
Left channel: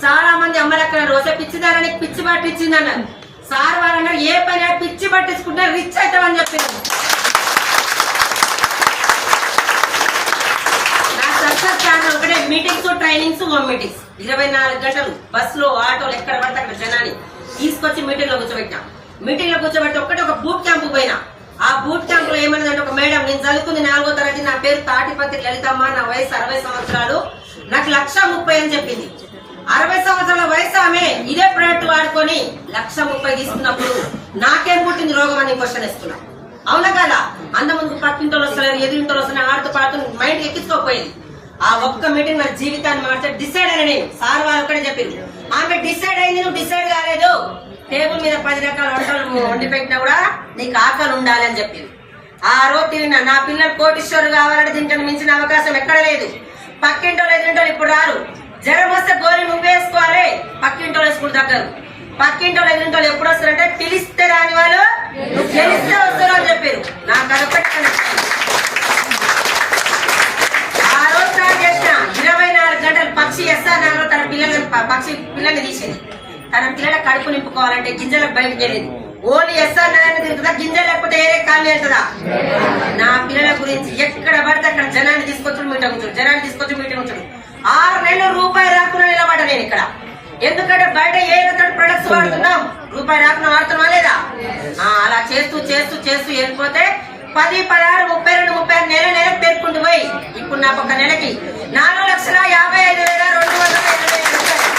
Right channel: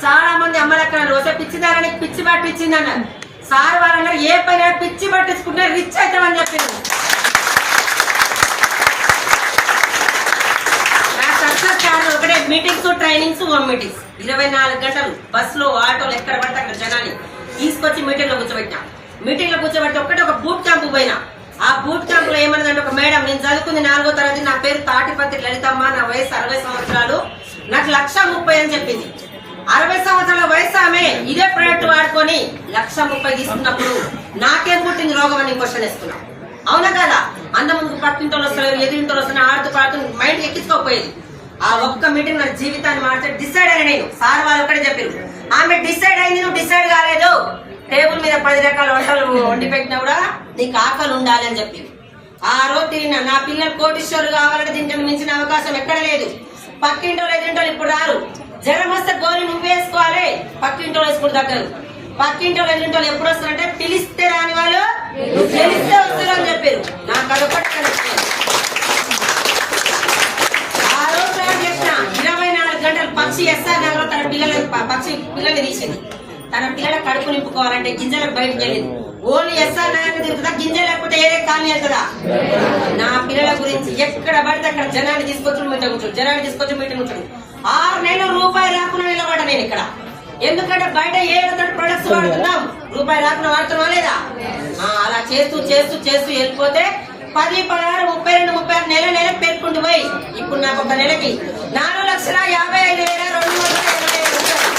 చాలా మంది అమ్మలక్కడ రోజు పిచ్చిదారని పిచ్చి పట్టించింది అన్నారు. సార్ వాళ్ళు అన్నారు ఏ పని పిచ్చి పట్టించుకుంటే రిచ్ అవుతామని చెప్పింది ఒకటే మీటింగ్స్ ట్రైనింగ్స్ హోమ్ మీటింగ్స్ ఇరవై నాలుగు గంటలు బస్సులో ఆటోలు ఎక్కడ పడితే అక్కడ జనాన్ని తీసుకొచ్చి మీటింగ్లో కూర్చోబెట్టాం మీటింగ్లో కూర్చోబెట్టి ఒక్కటే ఒక బూట్ క్యాంప్ పోయినా. ఆ బూట్ క్యాంప్లో ఏమన్నదంటే ఒక మేడం నేను చదువుకుంది నాలుగో తరగతి నా పేరు తాటిపత్రి లలితమ్మ నా వయసు అరవై సంవత్సరాలు. నాకు లక్ష ముప్పై అని చెప్పింది. అరవై సంవత్సరాల వయసు ఆమె ఇదే ప్రోడక్ట్ వాడుకొని లక్ష ముప్పై తీసుకున్నప్పుడు నాకేం పుట్టింది రోగం అని క్వశ్చన్ వేసుకున్నాం. అవునా కదా? అంత ముందుకు పక్కింటోళ్ళు వస్తలేరు ఎదిరింటోళ్ళు వస్తున్నారు ఆడుతూ పాడుతూ మైండ్ ఎక్కించుకోకపోయింది. ఆ ఒక్క మీటింగ్ నా జీవితాన్ని మార్చే డిసైడ్ అయిన నేను. సార్ వాళ్ళు ఒకటే చెప్పారు ఆమె డిసైడ్ అయింది నువ్వు డిసైడ్ కాలేదు. టేబుల్ మీద పది రకాల వంటలు వండి పెట్టినా కూడా నీకు ఆకలి ఉండాలి అని చెప్పింది ఆ రోజు తిరిగిన నా పిల్లలు కోటీశ్వరులు కావాలంటే దీనికన్నా మించిన అవకాశం ఎక్కడ లేదు. పక్కింటోళ్ళు ఎదురింటోళ్ళు ఇప్పుడు రారు. జ్వరం వస్తే గోరి నువ్వు వేసుకోవాలి. పక్కింటోళ్ళు వేసుకుంటూ దగ్గరు పక్కింటోళ్ళు ఎదురింటోళ్ళు ఎప్పుడు వస్తారంటే పిలిస్తే రాని వాళ్ళు గెలిస్తే వస్తారు అని చెప్పారు. నాకు అదొకటి ఆ రోజు చేసిన ఇరవై నాలుగు గంటలు పక్షి ఎస్ఆర్ నగర్ తన పిల్లలు పక్షి పిల్లల్ని తీసింది. తన పిల్లల కడుపు నింపుకోవాలంటే గింజలకు బయటకు వెళ్ళింది ఓన్లీ ఎస్ఆర్ నగర్ తిరుగుతుందా? గింజలు లేకపోతే ఏరే కాలనీ వెళ్తుందా? నా పిల్లల గురించి ఎక్కడ పడితే అక్కడ జనాన్ని తీసుకొచ్చి మీటింగ్ కూర్చోడు జనాన్ని తీసుకొచ్చి మీటింగ్ కూర్చోడు ఆరు నెలలు రూపాయి రాకుండా నిలబడ నేను ఇక్కడ. ఎందుకంటే బయట ఏ ప్రొడక్ట్స్ వాడుతున్నాం? రూపాయి రాకుండా వాడుతున్నా లేదా? అలా చేస్తూ చేస్తూ చేస్తూ వెళ్ళిపోతే పది పదహారు ముప్పై రెండు ముప్పై ఆరు నెల నెల పేర్కొండి పోయి. ఇప్పుడు నాకు ఒక నెలకి నాలుగు లక్షల యాభై ఐదు వేల రెండు వందల ఎనభై ఐదు రూపాయలు.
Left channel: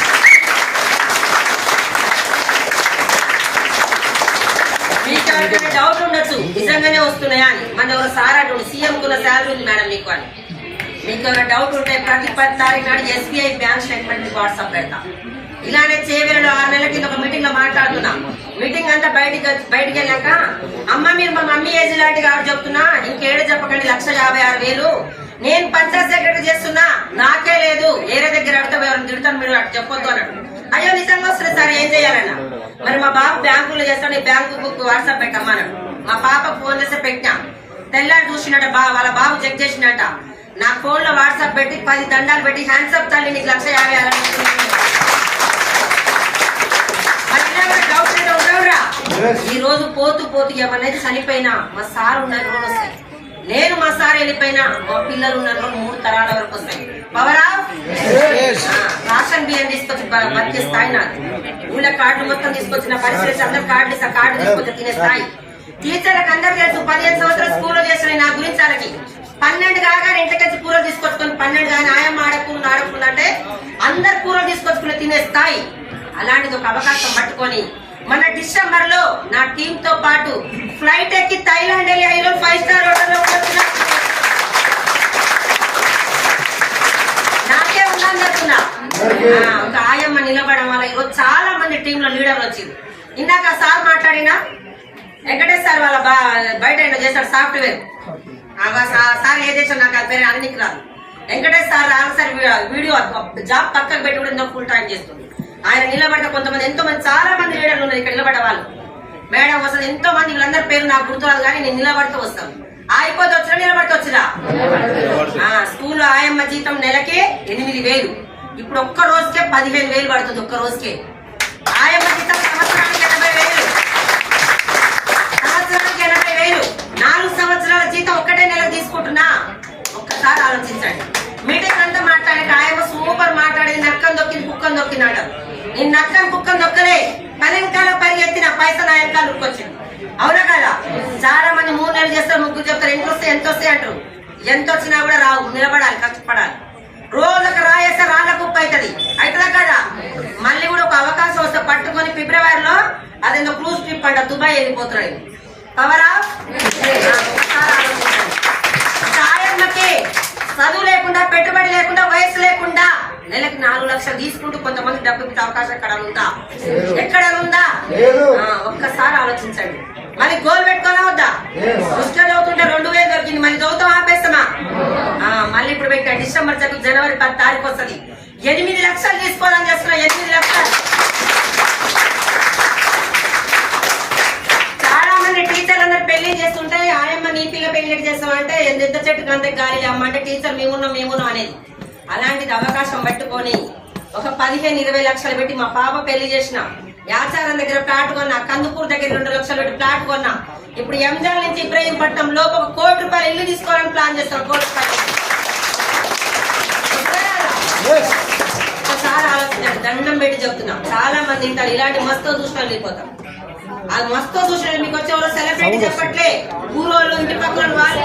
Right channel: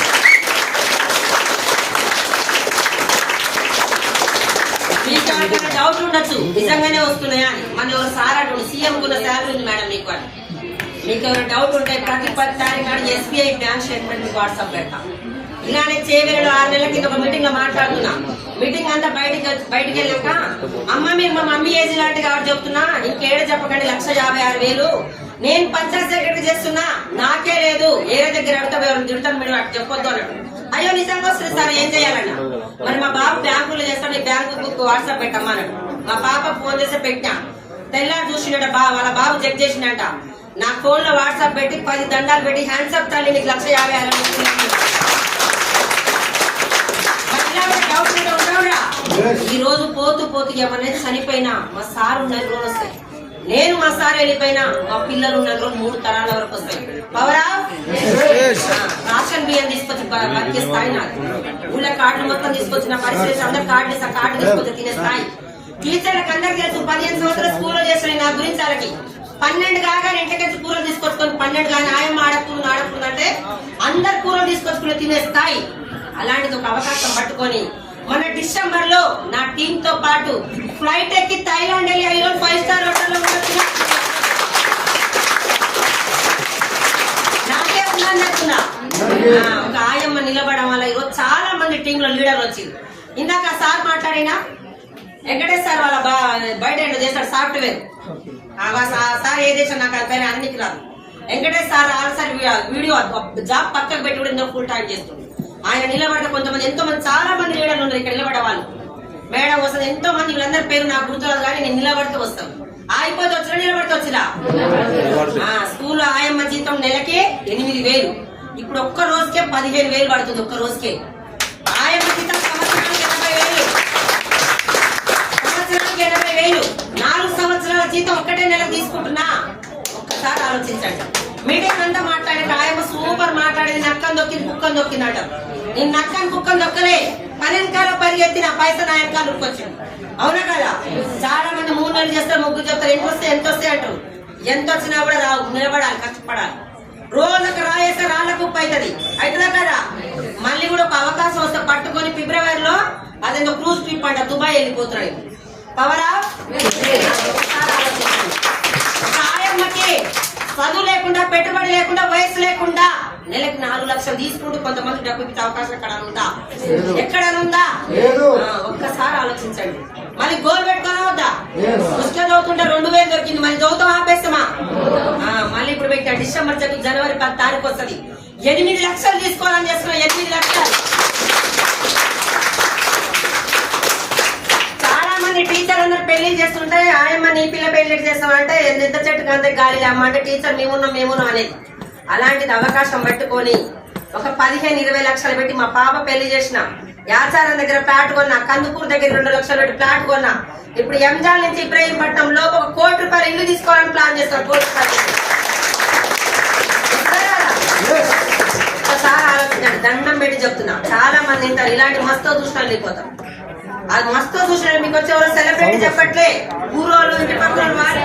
మీకు ఎవరికైనా డౌట్ ఉండొచ్చు నిజంగానే వస్తున్నాయా అని. మన ఎవరు సార్ అటు సీఎం కూడా సాలరీ ఉంది మేడం మీకు అని. మీకు ఏమైనా డౌట్ ఉంటే ప్రతి పది తారీఖు నాడు ఎస్బీఐ బ్యాంక్ స్టేట్మెంట్ వాట్సాప్ పెడతాం. ఇలానే చేవేడు ఆరు నెలల కింద ఒక మీటింగ్లో మాట్లాడుతున్నా. మీటింగ్ అంతా బయటికి వచ్చి- బయటికి వెళ్ళాక అమ్మ మీరు మా మమ్మీ ఏజ్ లాంటి కాబట్టి చెప్తున్నా ఇంకేడ చెప్పకండి లక్ష యాభై ఆరు వేలు. నేను పంచాయత్ సెక్రటరీ చేస్తున్నా నాకే లేదు. ఏరే దగ్గర అడతా తిడతాను మీరు అటు చెప్పొద్దు అన్నాడు. అయ్యో నిజంగా వస్తుంది సార్ ఏం చేయాలన్న? మరి మా బాబు బ్యాంకులో చేస్తాడు బ్యాంకు బుక్ వాట్సాప్ పెట్టమ్మన్నాడు మా పాప ఫోన్ చేస్తే పెట్టినా. తెల్లారి చూసినట్ట బా వాళ్ళ బాబు చెక్ చేసినట్ట నా ఫోన్లో వాట్సాప్ పెట్టి పది దండాలు పెట్టి హ్యాండ్సప్ తల్లి నీకు లక్ష యాభై ఆరు డౌట్? ఈ రోజు పోతూ పోతూ ఎవరైతే చనిపోయినా మా సార్ ఉన్న రోజు వస్తాయి నేను మా సార్ వెళ్ళిపోయినా మా పిల్లలు ఉన్న రోజు మూడు తరాల వరకు వస్తాయి. పవరా రాషన్ బియ్యం తీసుకొచ్చి బతికే స్థాయి నాది ఊళ్ళో కార్డు మొత్తం తీసుకొచ్చిన పరిస్థితి అందరు కార్డు ఇస్తా కార్డు తీసుకొచ్చి తినే స్థాయి. టీచర్లకు అందరు తెలుసు పదిహేను సంవత్సరాలు స్కూల్లో చేసిన నా గురించి వాళ్ళకి. పన్నెండు కాగానే ఇంటికొచ్చి కూరలు తీసుకొచ్చుకొని పన్నెండు కానీ ఆయమ్మ ఆడకుండా ఆడకుండా అంటే అందరు కూరలు తీసుకొచ్చుకుని తినే స్థాయి. అలాంటిది ఒక అవకాశం పట్టుకొని మన డిసెంబర్లో నా టీమ్తో పాటు ఫ్లైట్ ఎక్కి థైలాండ్ వెళ్ళి ఐదు ఫైవ్ స్టార్ హోటల్లో ఉండొచ్చిన నాకే ఉందని చెప్తున్నా ఆ, ఒక ఆయమ్మ నిలబడడం వల్ల ఈరోజు చాలా మంది టీమ్లో లీడర్లు వచ్చింది ఇందాక సార్ మాట్లాడినా వెంకటేష్ సార్ వాళ్ళ బయట ఏదో చేశాడు సాఫ్ట్వేర్? సార్ ఏ దేశం నాకు అది పేరు అన్నికి రాదు. Venkatesh sir answer video job పక్కకు పెట్టి కూడా ఇందులో ఫుల్ టైం చేస్తుంది? ఆయన నిలబడితే కొంతమంది ఎంతో మంది చాలా మంది లీడర్లు ఉన్నారు ఇక్కడ నిలబడే వాళ్ళు. మేడం వస్తుంది ఎంతో మంది వీళ్ళందరి పేరు నాకు గుర్తురాదు కానీ నేను నిలబడితే వస్తాను. ఆగిపోతే వచ్చినా నిలబడితే వచ్చిరా ఆ, స్కూల్లో ఆయమ్మ జీతం నెలకి ఎనిమిది వేలు. ఇప్పుడు ఒక్క రోజుకే పదిహేను వేలు పడుతుంది ఒక్క రోజుకే. ఆయమ్మ జీతం సంవత్సరానికి ఎనభై వేలు. సంవత్సరానికి ఎనభై వేలు. నాలుగు సంవత్సరాల జీతం ఒక్కటే నెల తీసుకుంటున్నా. ఒక్కసారి ఆలోచించండి. మీటింగ్ అంతా మాట్లాడే ఆయమ్మ సూపర్ మాట్లాడేది నక్కని దొక్కింది కుక్కని దొక్కింది నేను నక్కని కుక్కని దొక్కలే. పన్నెంకాల పరిగెత్తిన పైసా నా వెనకాల ఉక్కొచ్చింది అవునా కదా? చాలా మంది మూడు నెలలు చేస్తారు ముగ్గురు చెప్తారు ఎంత వస్తాయి ఎంత వస్తాయి అంటారు. ఎంత వచ్చినా కూడా రావు నిలబడాలి కష్టపడాలి. రోజులకు రాయేస్తే రాళ్ళ కుప్ప అవుతుంది అవుతుందా కదా? మళ్ళీ కూడా ఒక అవకాశం వస్తే పట్టుకొని ఫిబ్రవరిలో అదేందో క్రూజ్ ట్రిప్ అంట దుబాయ్ వెళ్ళిపోతున్నాడు. పవరా సాయమ్మకి చదువు లేకుండా పెట్టుబడి లేకుండా వయసు లేకుండా నెలకి నాలుగు లక్షలు తీసుకుంటూ కొంతమంది డబ్బు ఇచ్చే అవకాశం ఎక్కడ ఉందా? ఎక్కడ ఉందా? ఒక్కసారి ఆలోచించండి. మళ్ళీ గోల్ పెట్టుకోనా వద్దా? పుస్తకం చదువుతుంటే రెండు వేలు దొరికింది మళ్ళీ చదువుతాం ఆపేస్తామా? ఇరవై డిసెంబర్ చదువు జనవరి పది తారీఖు వస్తుంది. ఎనిమిది లక్షలు తీసుకోవాలని చేస్తున్నాం ఎనిమిది లక్షలు. చాలా మంది టీచర్ అందరు పెళ్ళి చేస్తుంటే ఆయమ్మ నీ పిల్ల పెళ్ళి చేస్తామంటే నిద్ర చెట్టుకు అంతే గాలి అమ్మ అంటే టీచర్ మేమున్నాం మేమున్నాం అనేది. అలాంటిది అవకాశం పట్టుకొని ఒక పదిహేను ఇరవై లక్షలు పెట్టి మా పాప పెళ్ళి చేసిన. యాచారం దగ్గర ప్లాట్ కొన్నా కందుకూరు దగ్గర రెండు లక్షలు పెట్టి ప్లాట్ కొన్నా. ఇప్పుడు ఎంజాల్ నుంచి ఇబ్రహీంపట్నం లోపు ఒక కోటి రూపాయలు ఇల్లు తీసుకోవాలని ప్లాన్ చేస్తాను కోటి రూపాయలు ఇస్తారా? ఒకసారి ఆలోచించండి దండం పెట్టి చెప్తున్నా. చాలా మంది ఇంటారు ఇలాంటి మస్తు చూసిన వెళ్ళిపోతారు అది మస్తు చూసిన మీకు వచ్చే ఎవరో సెలబ్రిటీ చెప్పట్లే. ఊరోళ్ళు ఇంటి పక్కన వాళ్ళు.